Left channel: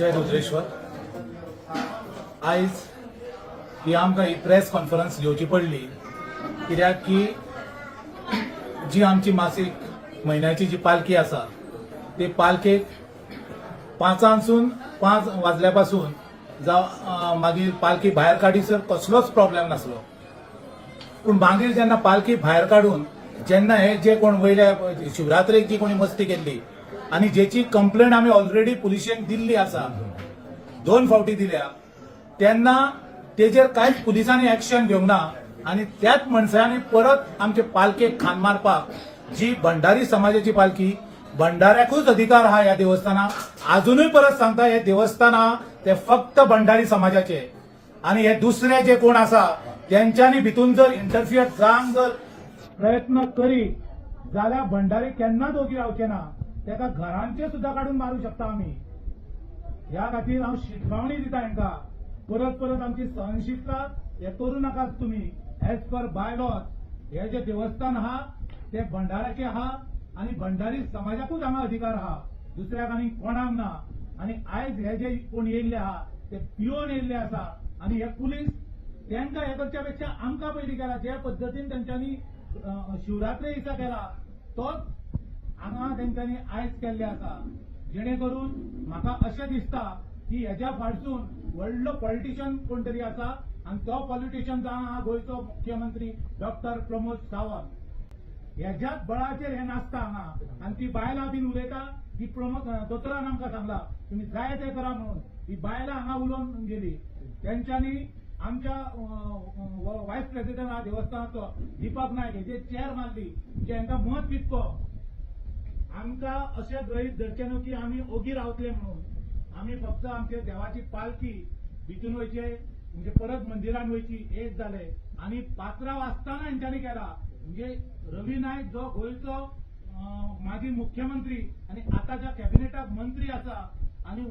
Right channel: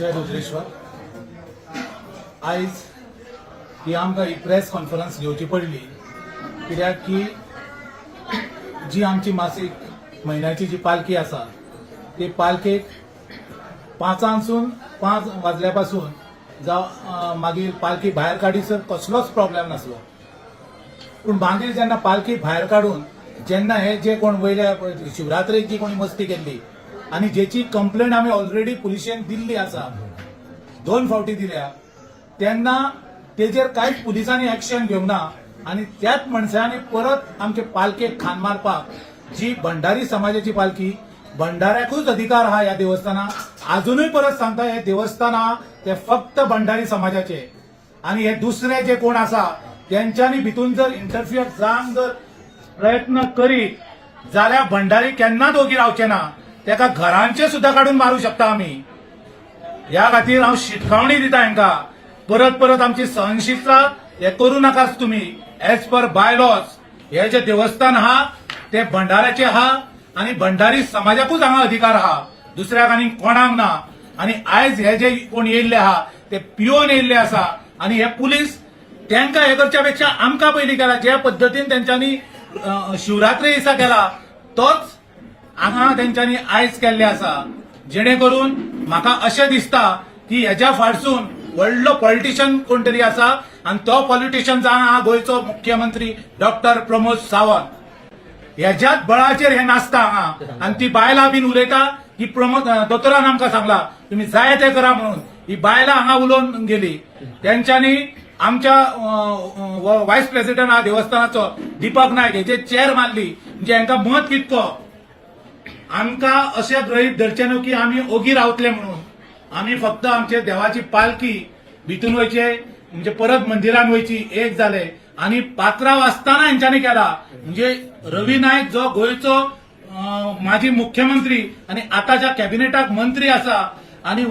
जय रुद्रेश्वर. आयज ही आमकां ही press conference घेवची पडली कित्याक की जी आमची मासीक म्हयन्याची जी पालखी आसा ती पालखेक 5 वाजल्या पासून जावं मागीर पालखी भायर काडीसर कसलोच प्रॉब्लेम नासलो. पूण मागीर जेन्ना पालखी भायर काडून जेन्ना हे जे कोण वयले शिवरात्रेक जी कोणी मस्ती केल्ली आनी जेची कंप्लेंट आमी ऑलरेडी पुलिशेक दिल्ली आसा 2 फावटी दिल्या तेन्ना तेजेर कांयच पुलिसांनी एक्शन घेवंक ना आनी त्याच मनशांनी परत आमचे पालखेक खान मारपाक जी भंडारी समाजाची पालखी भंडाऱ्याकूच अधिकार आहा ह्या देवस्थानाक. अजूनय परत सांगता हे देवस्थान आहा ते फक्त भंडारी समाजाचे आनी हे दुसरे जे कोण आसा त्यांच्यानी भितून जर इंटरफियर जावंक जर प्रयत्न करीत जाल्यार भंडारी केन्नाच ओगी रावचे ना. तेका घरांचे सुद्धा काढून मारू शकता आमी. ह्या खातीर हांव शिटकावणी दिता हांकां परत परत आमची सहनशिक्षा हे करू नाकाच तुमी. एज पर बाय लॉज हे जे देवस्थान आहा ते भंडाऱ्याचे आहा आनी भंडारी समाजाकूच हांगा अधिकार आहा, दुसऱ्याक आनी कोणाक ना. आनी आयज हे जे कोण येयल्ले आहा ते पियोन येयल्ले आसा आनी हे पुलीस त्यांका हे करच्या पेक्षा आमकां पयलीं केला. ज्या पद्दतीन तेंच्यांनी शिवरात्री दिसा केला तोच हांगा तेंच्यांनी आयज केल्ले आसा. जेणे करून म्हाका अशें दिसता की हेच्या फाटसून व्हडलो पॉलिटिशियन कोण तरी आसा आनी तो पॉलिटिशियन जावन आहा गोंयचो मुख्यमंत्री डॉक्टर प्रमोद सावंत. ह्याच्याच बळाचेर हे नाचता हांगा आनी ती बायलां बीन उलयता की प्रमोद दोतोरान आमकां सांगला तुम्ही जाय ते करा म्हणून. ही बायलां हांगा उलोवन गेली. तेंच्यांनी आमच्या व्हायस प्रेसिडेंट आहा देवस्थानाचो दीपक नायक हेचे चेर मारली. म्हणजे हांकां मत कितको आमकां अशें गृहीत धरचें न्हू की आमी ओगी रावतले म्हणून. आमी फक्त आमचे देवाची पालखी भितून वयचे म्हणजे परत मंदिरान वयची एक जाले आनी पात्रांव आसतना हेंच्यांनी केला. म्हणजे रवी नायक जो गोंयचो माजी मुख्यमंत्री आनी आतांच्या कॅबिनेटाक मंत्री आसा आनी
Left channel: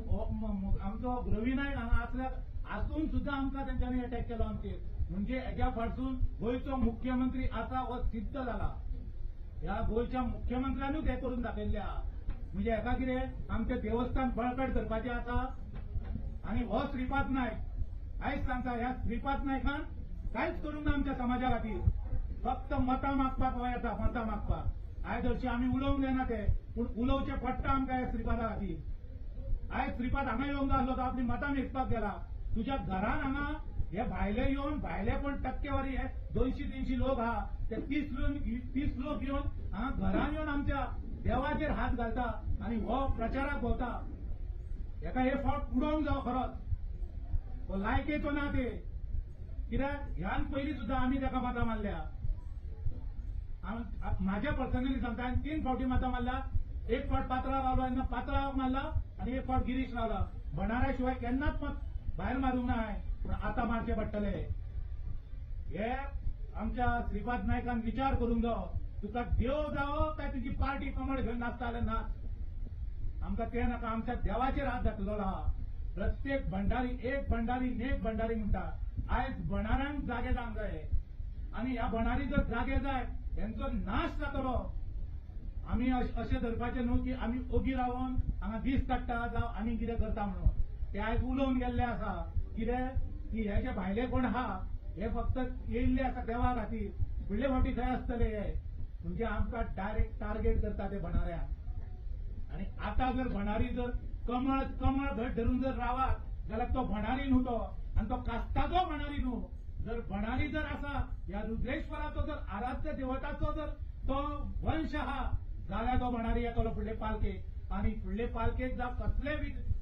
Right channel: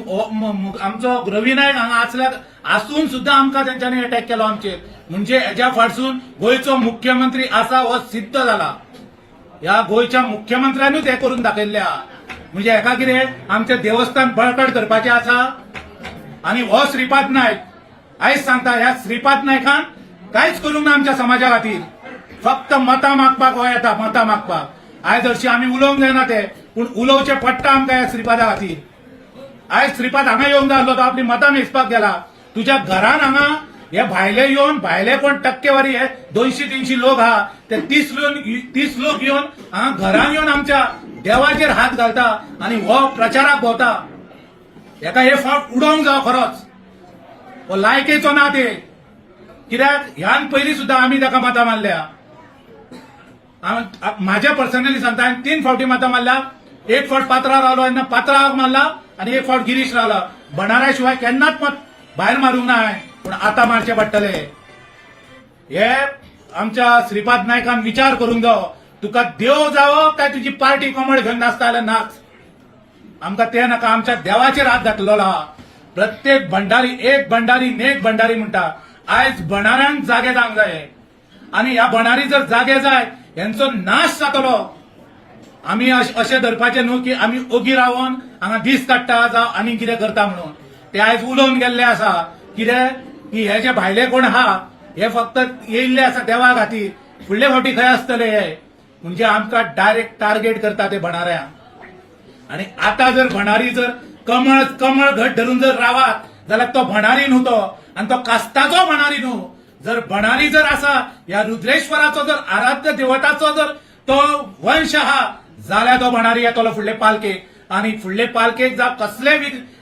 आमचो रवी नायक हांगा आसल्या आसून सुद्धा आमकां तेंच्यांनी अटॅक केलो आमचेर. म्हणजे हेच्या फाटसून गोंयचो मुख्यमंत्री आसा हो सिद्ध जाला. ह्या गोंयच्या मुख्यमंत्र्यानूच हे करून दाखयल्ले आहा. म्हणजे हेका कितें आमचें देवस्थान बळकट करपाचें आसा. आनी हो श्रीपाद नायक आयज सांगता ह्या श्रीपाद नायकान कांयच करूंक ना आमच्या समाजा खातीर. फक्त मतां मागपाक हो येता, मतां मागपाक. आयज हरशीं आमी उलोवंक जायना ते पूण उलोवचें पडटा आमकां ह्या श्रीपादा खातीर. आयज श्रीपाद हांगा येवंक जाय आसलो तो आपली मतां मेजपाक गेला. तुज्या घरान हांगा हे भायले येवन भायले कोण टक्केवारी हे 200-300 लोक आहा ते 30 लोक येवन हांगा घरान येवन आमच्या देवाचेर हात घालता आनी हो प्रचाराक भोंवता. हेका हे फावट उडोवंक जाय खरोच. हो लायकेचो ना ते. कित्याक ह्यान पयलीं सुद्धा आमी ताका मतां मारल्या. म्हाज्या पर्सनली सांगता हांवें 3 फावटी मतां मारल्या. एक फावट पात्रांव रावलो तेन्ना पात्रांवाक मारला आनी एक फावट गिरीश रावला. भंडाऱ्या शिवाय केन्नाच मत भायर मारूंक ना हांवें पूण आतां मारचे पडटले. हे आमच्या श्रीपाद नायकान विचार करूंक जावो. तुका देव जावो काय तुजी पार्टी कमळ घेवन नाचता जाल्यार नाच. आमकां ते नाका. आमच्या देवाचेर हात घातलेलो आहा. प्रत्येक भंडारी एक भंडारी नेक भंडारी म्हणटा. आयज भंडाऱ्यांक जागे जावंक जाय आनी ह्या भंडारी जर जागे जाय हेंचो नाश जातलो. आमी अशें धरपाचें न्हू की आमी ओगी रावन हांगा दीस काडटा जावं आनी कितें करता म्हणून. ते आयज उलोवन गेल्ले आसा कितें की हे जे भायले कोण आहा हे फक्त येयल्ले आसा देवा खातीर. फुडले फावटी खंय आसतले हे म्हणजे आमकां डायरेक्ट टार्गेट करता ते भंडाऱ्यांक. आनी आतां जर भंडारी जर कमळ घट धरून जर रावात जाल्यार तो भंडारी न्हू तो आनी तो कास्ताचो भंडारी न्हू. जर भंडारी जर आसा ह्या रुद्रेश्वराचो जर आराध्य देवताचो जर तो वंश आहा जाल्यार तो भंडारी येतलो फुडले पालखेक आनी फुडले पालखेक जावं कसले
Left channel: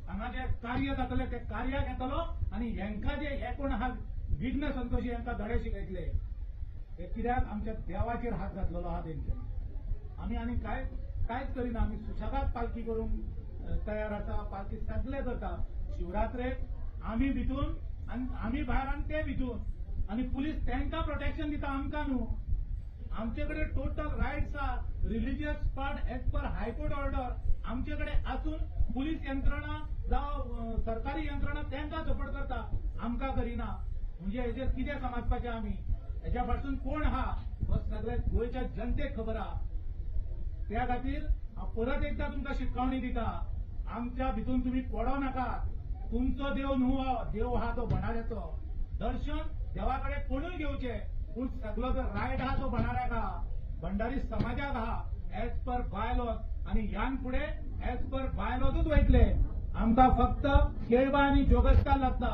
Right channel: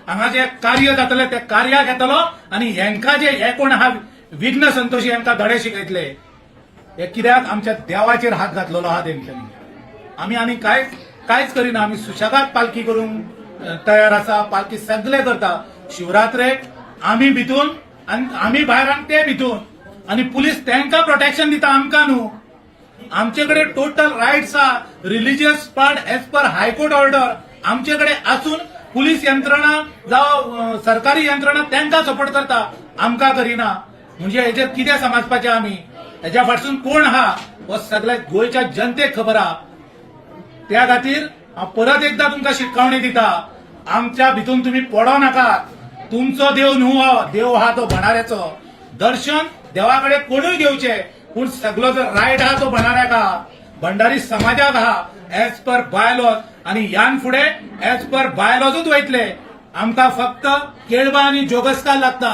हांगा जे कार्य जातले ते कार्याक येतलो आनी हेंकां जे हे कोण आहा विघ्न संतोशी हेंकां धडे शिकयतले. हे कित्याक आमच्या देवाचेर हात घातलेलो आहा तेंच्यांनी. आमी आनी कांयच करिना. आमी सुशेगाद पालखी करूंक तयार आसा. पालखी सगळे करता. शिवरात्रेक आमी भितून आनी आमी भायर आनी ते भितून आनी पुलीस तेंकां प्रोटेक्शन दिता आमकां न्हू. आमचे कडेन टोटल रायट्स आहा. Religious part as per high court order आमचे कडेन आसून पुलीस यंत्रणा जावं सरकारी यंत्रणा तेंकां सपोर्ट करता आमकां करिना. म्हणजे हेजेर कितें समजपाचें आमी. हेच्या फाटसून कोण आहा हो सगळ्या गोंयच्या जनतेक खबर आहा. त्या खातीर हांव परत एकदा तुमकां शिटकावणी दिता. आमच्या भितून तुम्ही पडो नाकात. तुमचो देव न्हू हो, देव हा तो भंडाऱ्याचो. दर्शन देवाकडे कोणूय घेवचे, पूण सगळो जो रायट हा तो भंडाऱ्याक हा, भंडारी समाजाक हा, एज पर बायलॉज. आणि यान फुडें एज पर बायलॉजूच वयतले. आमकां फक्त केळबा आनी जोगस्कार लागता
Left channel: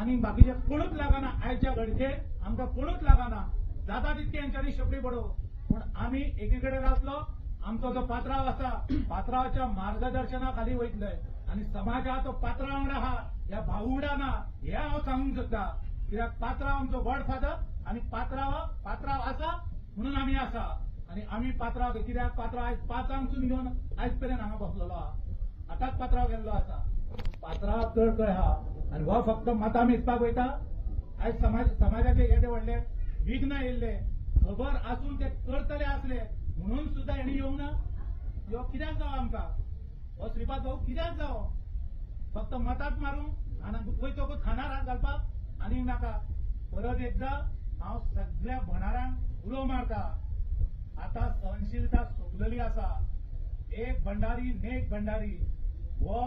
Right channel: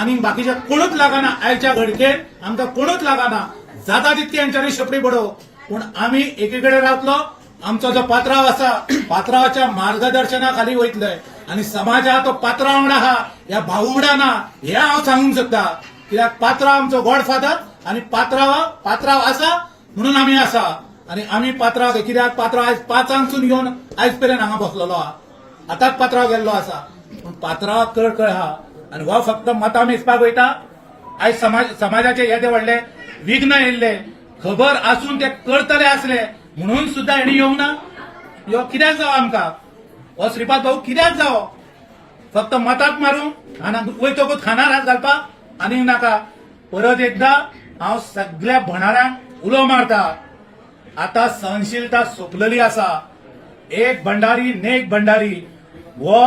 आनी बाकीचे कोणूच लागना. आयच्या घडकेन आमकां कोणूच लागना. जाता तितकी यांच्यानी शेपडी बडोव, पूण आमी एकीकडे रावतलो. आमचो जो पात्रांव आसा, पात्रांवाच्या मार्गदर्शना खाली वयतले आणि समाज हा तो पात्रांव वांगडा हा, ह्या भाऊ वांगडा ना, हे हांव सांगूंक सोदता. कित्याक पात्रांव आमचो गॉडफादर आणि पात्रांव आसा म्हणून आमी आसा. आणि आमी पात्रांव कित्याक पात्रांव आयज 5 येवन आयज पर्यंत हांगा बसलेलो हा. आतांच पात्रांव गेल्लो आसा, पूण पात्रांवाक कळकळ हा. आणि हो फक्त मतां मेजपाक वयता. आयज समाजाचे येदे व्हडले विघ्न येयल्ले, खबर आसून ते करतले आसले म्हणून सुद्धा हेणी येवंक ना. ह्यो कित्याक जावो आमकां? हो श्रीपाद भाऊ कित्याक जावो? फक्त मतांत मारूंक आनी वयतकूच खानार हात घालपाक आनी नाका. परत एकदा हांव सगळ्या भंडाऱ्यांक उलो मारता. आता सहनशीलता सोंपलेली आसा. एक भंडारी नेक भंडारी हो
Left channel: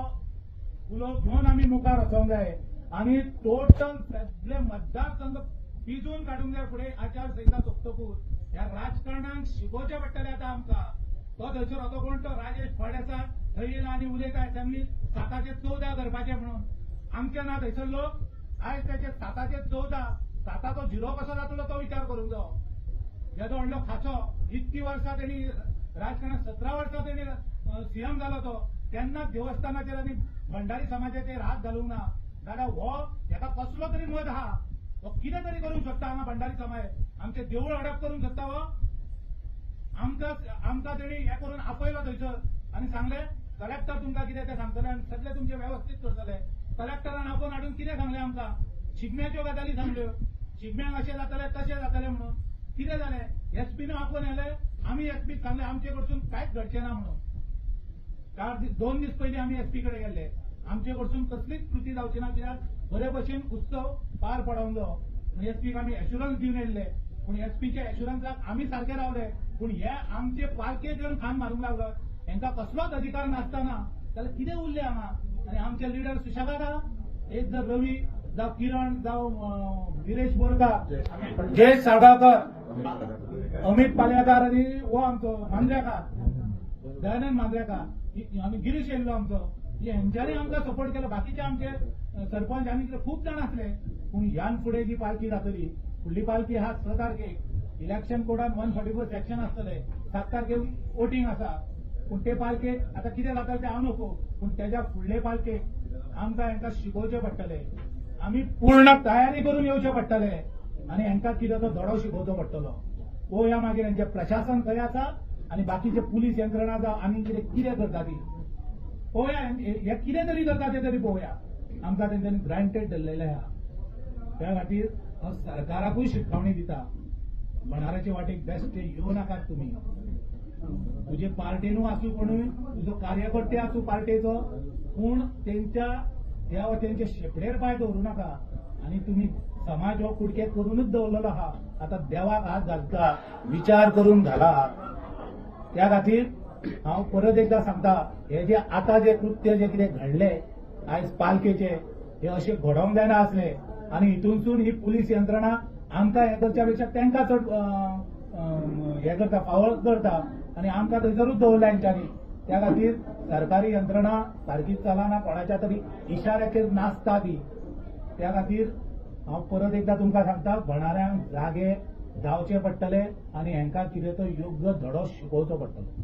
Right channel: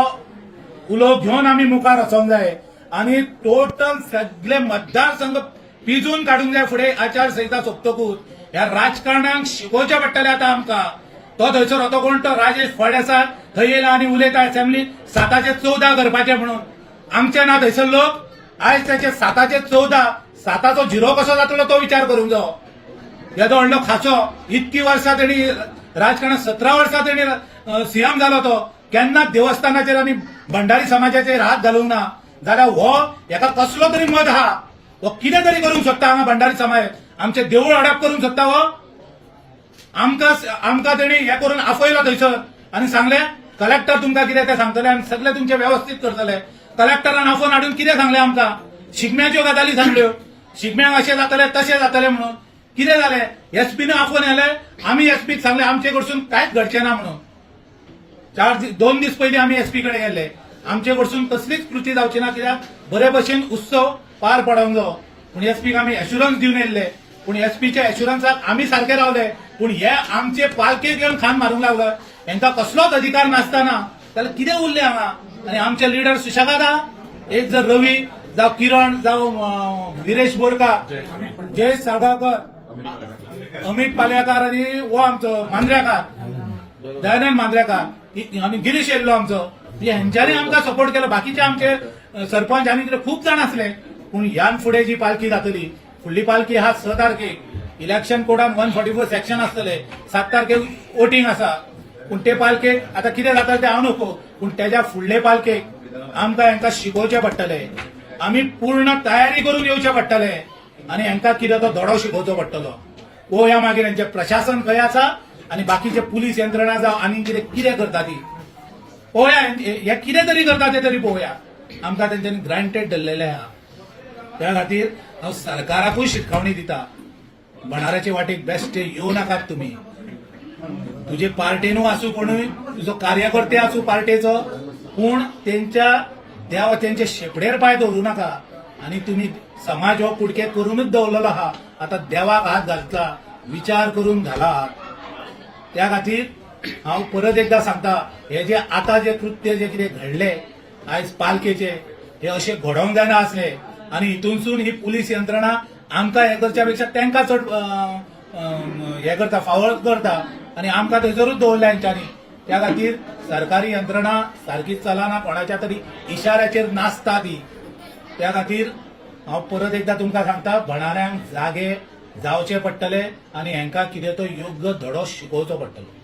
उलो घेवन आमी मुखार वचोंक जाय आनी टोटल सगळे मतदारसंघ पिजून काडूंक जाय. फुडें आचारसंहिता सोंपतकूच ह्या राजकारणांक शिकोवचें पडटलें आतां आमकां. तो थंयसर होतो कोण तो राजेश फळदेसाय थंय येयला आनी उलयता असेंब्लीत 714 करपाचे म्हणून. आमचे ना थंयसर लोक आयज त्याचे 714 7चो झिरो कसो जातलो तो विचार करूंक जायो. येदो व्हडलो खासो इतकी वर्सां तेणी राजकारणात 17 वर्सां तेणी सीएम जालो तो. केन्ना देवस्थानाचेर आनी भंडारी समाजाचेर हात घालूंक ना. जाल्यार हो हेका कसलो तरी मत हा. हो कितें तरी करूंक शकता हांगा भंडारी समाज. आमचे देवूळ हडप करूंक शकता हो. आमकां तेणी हे करून आफयलो थंयसर आनी सांगले कलेक्टर तुमकां कितें ते सांगतले आनी सगळे तुमचे व्यवस्थीत करतले. कलेक्टरान आफोवन हाडून कितें सांगलें आमकां? शिगम्याच्यो गजाली सांगल्यो. शिगम्याक अशें जातले तशें जातलें म्हणून. कितें जालें? एसपीन आफोवन येले. आमी एसपीक सांगले आमचे कडसून कांयच घडचें ना म्हणून. 2 दीस पयलीं आमी एसपी कडेन गेले. आमचे कडसून कसलीच कृती जावची ना, कित्याक बरे भशेन उत्सव पार पडोंक जायो. पूण एसपीक आमी एश्युरन्स दिवन येयल्ले. पूण एसपीच्या एश्युरन्साक आमी सारखे रावले. पूण हे आमचे पालकेक येवन खान मारूंक लागलो. हांकां कसलोच अधिकार नासतना जाल्यार कितें उरलें हांगा? आनी आमचे लिडर सुशेगाद आहा. एक जर रवी जावं किरण जावं विरेश बोरकार, जय साळगांवकर, अमित पालयेकर आनी हो आमचो मांद्रेकार, दयानंद मांद्रेकार आनी गिरीश येयल्लो आमचो. हेंच्यांनी आमकां सपोर्ट केलो. बाकीचे आमचे सरपंच आनी कितें खूब जाण आसले. पूण ह्यान फुडें जी पालखी जातली, फुडली पालखी हा 6 तारखेक. इलेक्शन कोडान 144 सेक्शन आसतले. 7 तारखेक वोटिंग आसा. पूण ते पालखेक आतां कितें जाता तें हांव नको, पूण तेज्या फुडले पालखेक आमकां हांकां शिकोवचें पडटलें. आमी पूर्ण तयारी करून येवचें पडटलें आनी हांकां कितें तो धडो शिकोवचो पडटलो. पळोवया मागीर हांचें प्रशासन खंय आसा आनी बाकीचे पुलीस यंत्रणा जावं आनी कितें करता ती पळोवया. हे कितें तरी करता ते तरी पळोवया. आमकां तेंच्यांनी ग्रांटेड धरलेलें आहा. त्या खातीर हांव सरकाराकूय शिटकावणी दिता. भंडाऱ्याचे वाटेक बेश्टे येवं नाकात तुमी. तुजे पार्टेनू आसूं कोणूय, तुजो कार्यकर्ते आसूं पार्टेचो, पूण तेंचे शेपडेर पांय दवरूं नाका. आनी तुमी समाज हो कुडके करूनच दवरलेलो आहा. आतां देवाक हात घालता, विचार करून घाला. त्या खातीर हांव परत एकदा सांगता, हे जे आतां जे कृत्य जे कितें घडले आयज पालखेचे, हे अशें घडोवंक जायना आसले. आनी हितूनसून ही पुलीस यंत्रणा आमकां हे करच्या पेक्षा तांकां चड हे करता, फावळ करता आनी आमकां थंयसरूच दवरल्या हेंच्यांनी. त्या खातीर सरकारी यंत्रणा सारकीच चलना, कोणाच्या तरी इशाऱ्याचेर नाचता ती. त्या खातीर हांव परत एकदा तुमकां सांगता, भंडाऱ्यांक जागे जावचे पडटले आनी हांकां कितें तो योग्य धडो शिकोवचो पडटलो.